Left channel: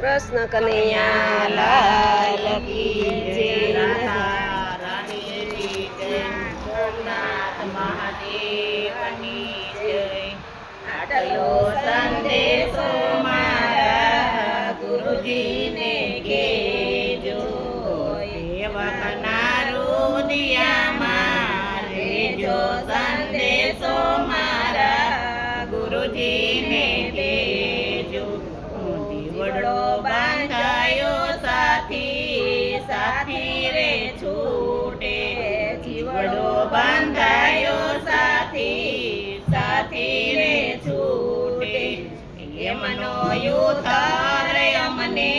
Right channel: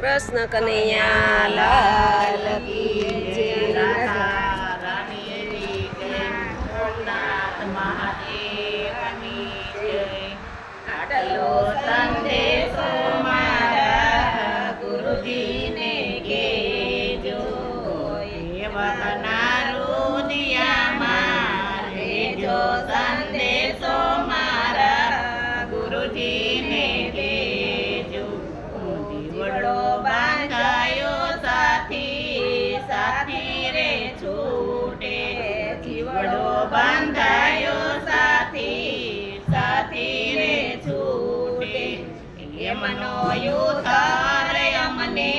કૃષ્ણ કનૈયા લાલ કી જય. આટલો સંદેશો મારા ગુરુજીને કેજો, દુનિયામાં લેજો સંદેશો મારા ગુરુજીને દેજો. જીવડો બાંધાયો સાથી, સાથી રે છૂટે. જીવડો બાંધાયો સાથી, સાથી રે છૂટે. એમનો યુતર અમને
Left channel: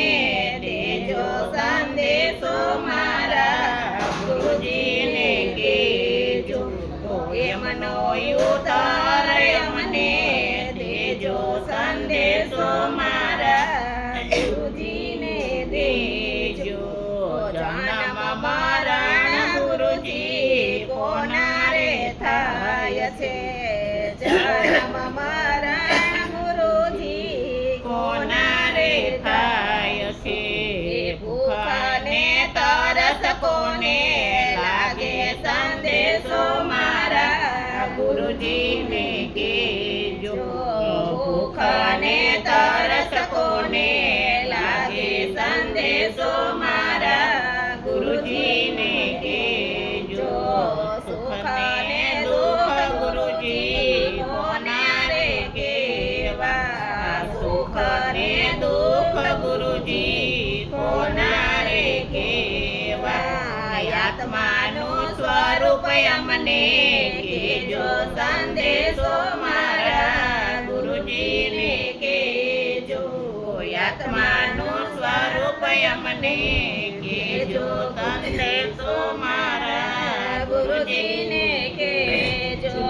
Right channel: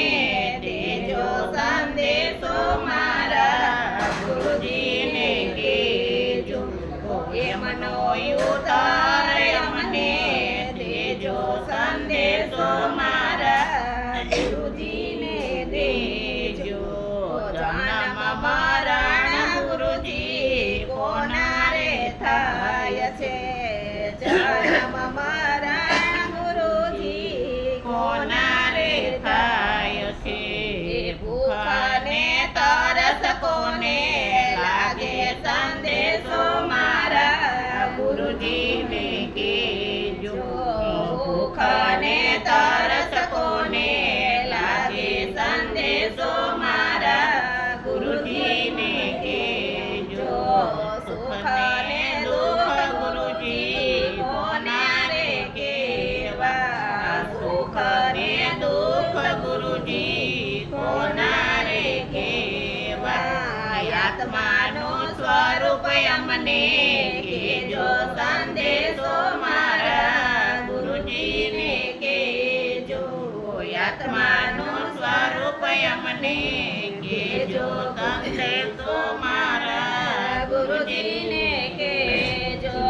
દેજો સંદેશો મારા ગુરુજીને કેજો. એમનો યુતર અમને દેજો સંદેશો મારા ગુરુજીને દેજો. જન્મ મરણ ગુરુજી કોના રે થાય છે? જન્મ મરણ ગુરુજી કોના રે થાય છે? ભૂખ ને તરસ કોને લાગે સંદેશો મારા ગુરુજીને કેજો. ભૂખ ને તરસ કોને લાગે સંદેશો મારા ગુરુજીને કેજો. સુખ ને દુઃખ ગુરુજી કોને રે કેવા? સુખ ને દુઃખ ગુરુજી કોના રે કેવા? આત્માનું સ્વરૂપ અમને કેજો સંદેશો મારા ગુરુજીને કેજો. આત્માનું સ્વરૂપ અમને કેજો સંદેશો મારા ગુરુજીને કેજો.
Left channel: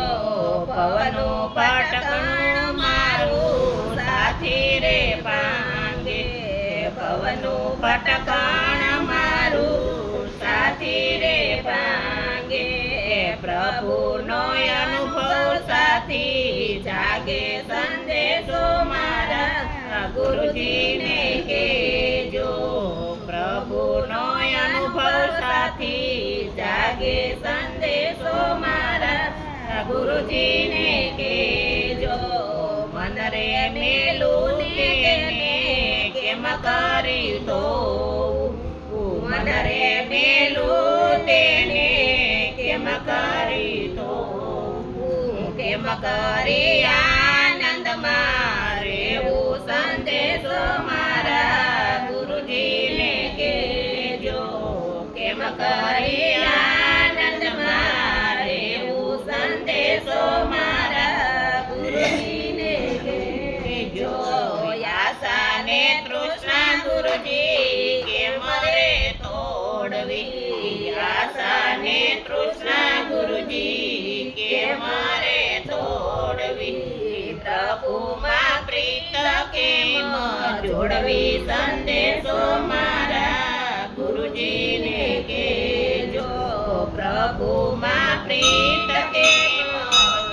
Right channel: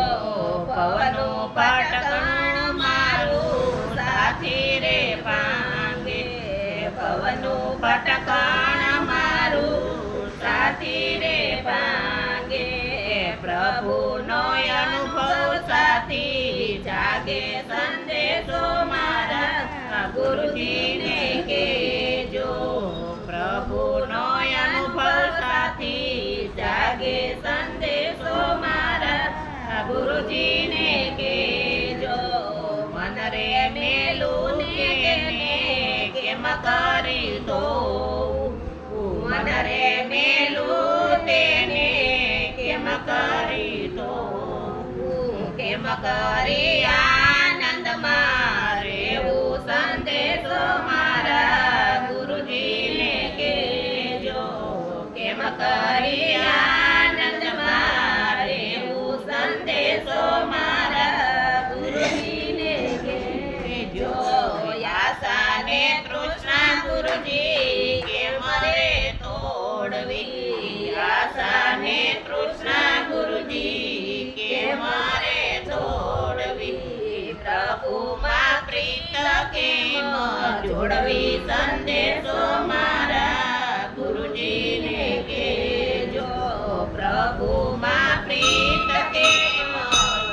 પવનું પટકણ મારું સાથી રે પાંગે. પવનું પટકણ મારું સાથી રે પાંગે. પ્રભુનો અનુભવ સાથી જાગે સંદેશો મારા ગુરુજીને કેજો. પ્રભુનો અનુભવ સાથી જાગે સંદેશો મારા ગુરુજીને કેજો. મન રે મેલું ને તેને કેમ કરી દો? મન રે મેલું તેને કેમ કરી દો? કેમ કરી આનંદમાં રહેવું સંદેશો મારા ગુરુજીને કેજો. કેમ કરી આનંદમાં રહેવું સંદેશો મારા ગુરુજીને કેજો. આશા ને તૃષ્ણા ગુરુજી કેમ રે તોડવી? આશા ને તૃષ્ણા ગુરુજી કેમ રે તોડવી? પ્રભુમાં પ્રીત કેમ જોડવી સંદેશો મારા ગુરુજીને કેજો. પ્રભુમાં પ્રીત કેમ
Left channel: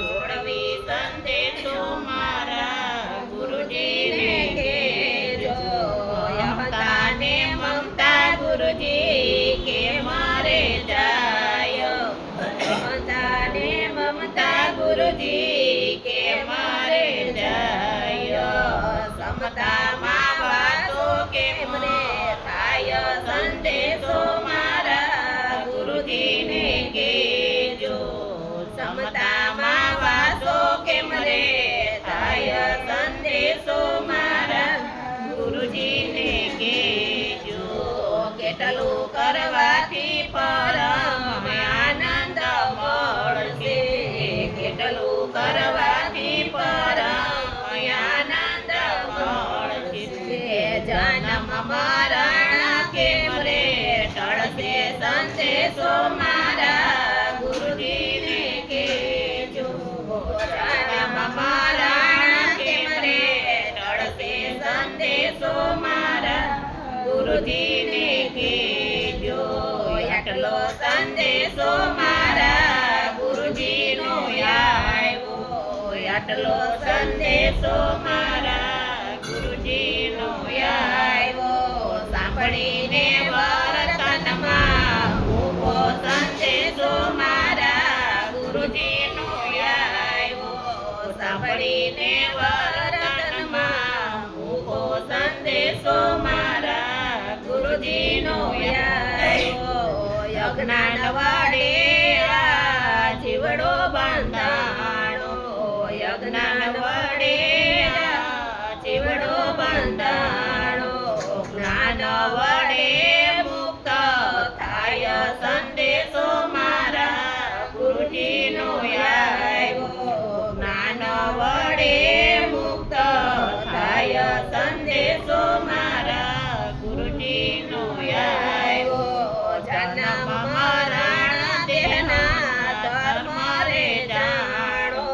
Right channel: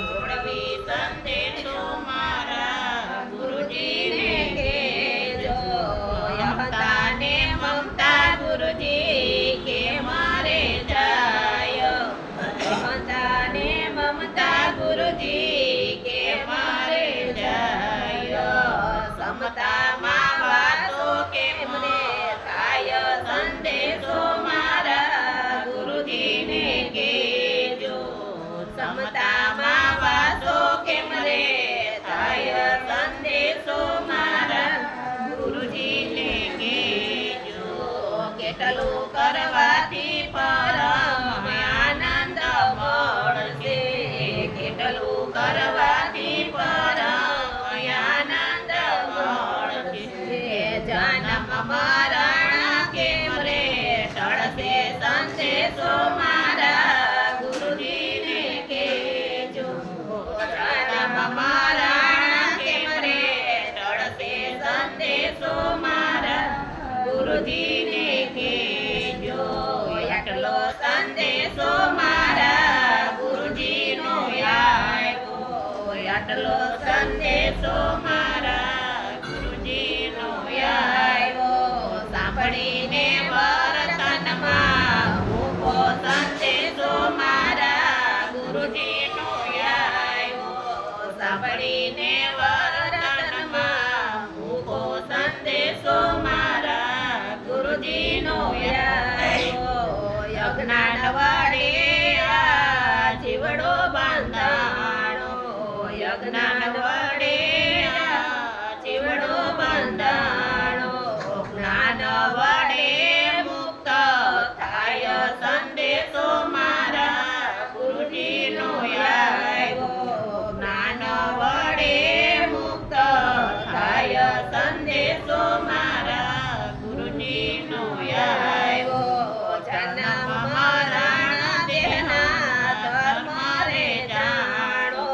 જોડવી સંદેશો મારા ગુરુજીને કેજો. અહંતા ને મમતા ગુરુજી કેમ રે જાય? અહંતા ને મમતા ગુરુજી કેમ રે જાય? સમતામાં વાતો કેમ રે થાય સંદેશો મારા ગુરુજીને કેજો. સમતામાં વાતો કેમ રે થાય સંદેશો મારા ગુરુજીને કેજો. કેટલું કરવાથી પરમ આનંદ મળશે? કેટલું કરવાથી પરમ આનંદ મળશે? જન્મ મરણ કેમ રે ટળશે સંદેશો મારા ગુરુજીને કેજો. જન્મ મરણ કેમ રે ટળશે સંદેશો મારા ગુરુજીને કેજો. આટલો સંદેશો મારા ગુરુજીનો આવ્યો. આટલો સંદેશો મારા ગુરુજીનો આવ્યો. જ્ઞાન વડે આ જીવડો બંધાણો, જ્ઞાન વડે આ જીવડો બંધાણો, જ્ઞાન વડે મુક્ત થાય સંદેશો મારા ગુરુજીનો આવ્યો, જ્ઞાન વડે મુક્ત થાય સંદેશો મારા ગુરુજીનો આવ્યો, જન્મ મરણ દેહના ધર્મ રે જાણો,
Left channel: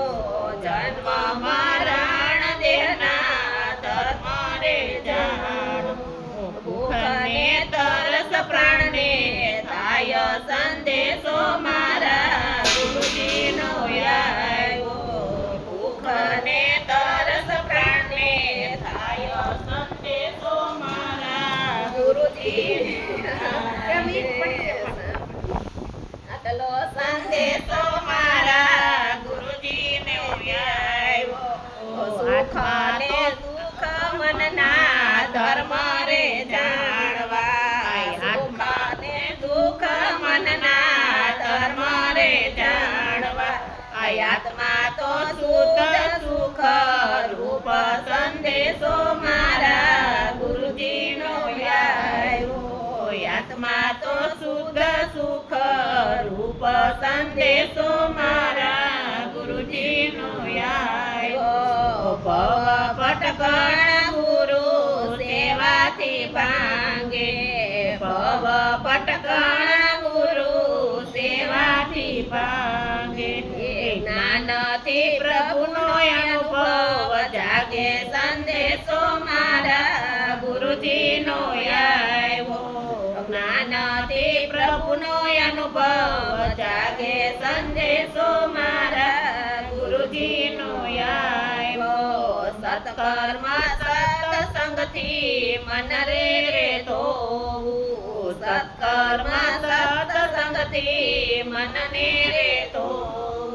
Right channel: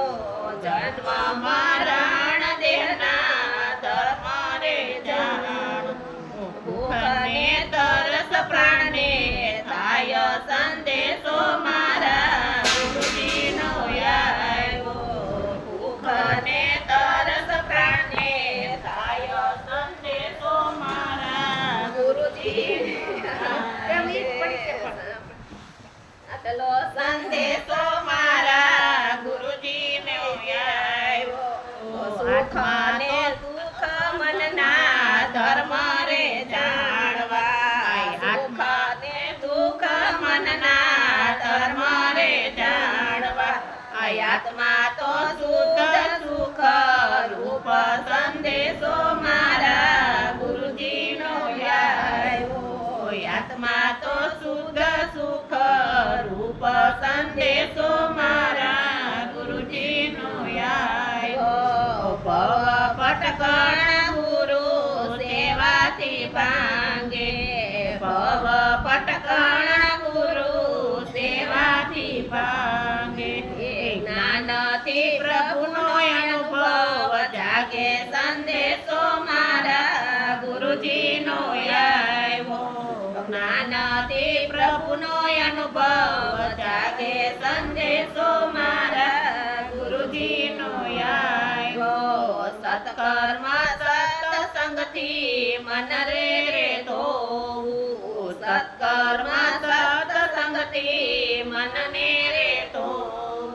જન્મ મરણ દેહના ધર્મ રે જાણો, ભૂખ ને તરસ પ્રાણને થાય સંદેશો મારા ગુરુજીનો આવ્યો, ભૂખ ને તરસ પ્રાણને થાય સંદેશો મારા ગુરુજી આટલો સંદેશો મારા ગુરુજીને આવ્યો, સુખ ને દુઃખ મનના ધર્મ રે જાણવા, સુખ ને દુઃખ મનના ધર્મ રે જાણવા, આત્મા તો શુદ્ધ સુખ રૂપ સંદેશો મારા ગુરુજીનો આવ્યો, આત્મા તો શુદ્ધ સુખ રૂપ સંદેશો મારા ગુરુજીનો આવ્યો, ભવ ભટકણ ગુરુ સેવાથી ભાંગે, ભવ ભટકણ ગુરુ સેવાથી ભાંગે, જ્ઞાનથી પ્રભુનો અનુભવ જાગે સંદેશો મારા ગુરુજીનો આવ્યો, જ્ઞાનથી પ્રભુનો અનુભવ જાગે સંદેશો મારા ગુરુજીનો આવ્યો, સત્કર્મ સત્સંગથી મન રે ધોવું, સત્કર્મ સત્સંગથી મનને રે ધોવું,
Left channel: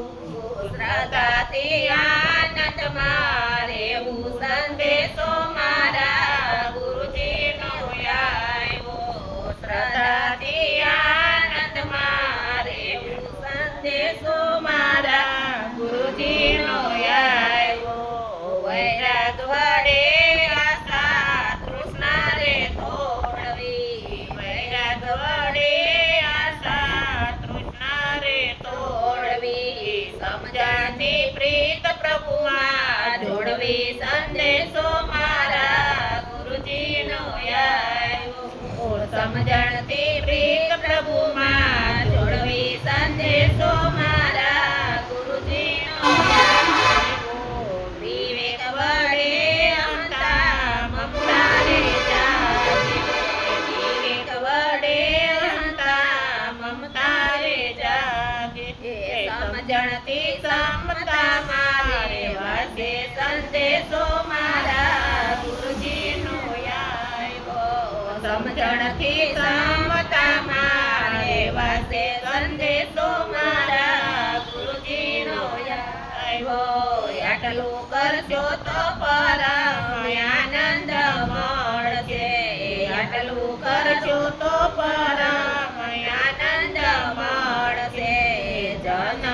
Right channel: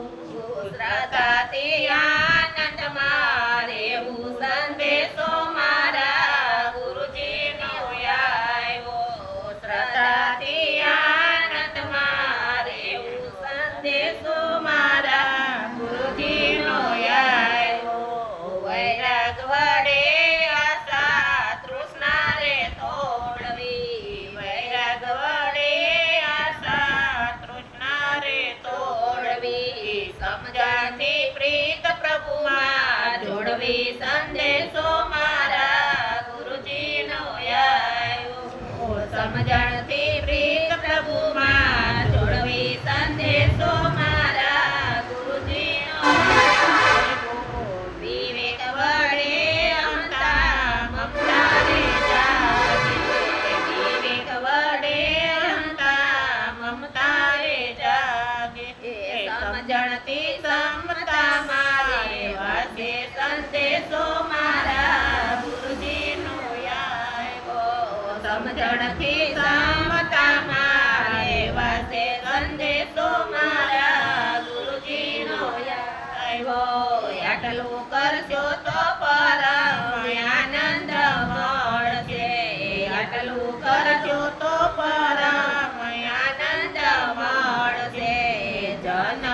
શ્રદ્ધાથી આનંદમાં રહેવું સંદેશો મારા ગુરુજીનો આવ્યો, શ્રદ્ધાથી આનંદમાં રહેવું સંદેશો મારા ગુરુજીનો આવ્યો, વૈરાગ વડે આશા તૃષ્ણા રે તોડવી, વૈરાગ વડે આશા તૃષ્ણા રે તોડવી, સમજણથી પ્રીત પ્રભુમાં જોડવી સંદેશો મારા ગુરુજીનો આવ્યો, સમજણથી પ્રીત પ્રભુમાં જોડવી સંદેશો મારા ગુરુજીનો આવ્યો, વિવેક વડે અહંતા મમતા રે જાગે, વિવેક વડે અહંતા મમતા રે જાગે, સમજણથી સમતા મારે વસે સંદેશો મારા ગુરુજીનો આવ્યો, સમજણથી સમતા મારે વસે સંદેશો મારા ગુરુજીનો આવ્યો, આટલું કરશો તો પરમ આનંદ મળશે, આટલું કરશો તો પરમ આનંદ મળશે, જન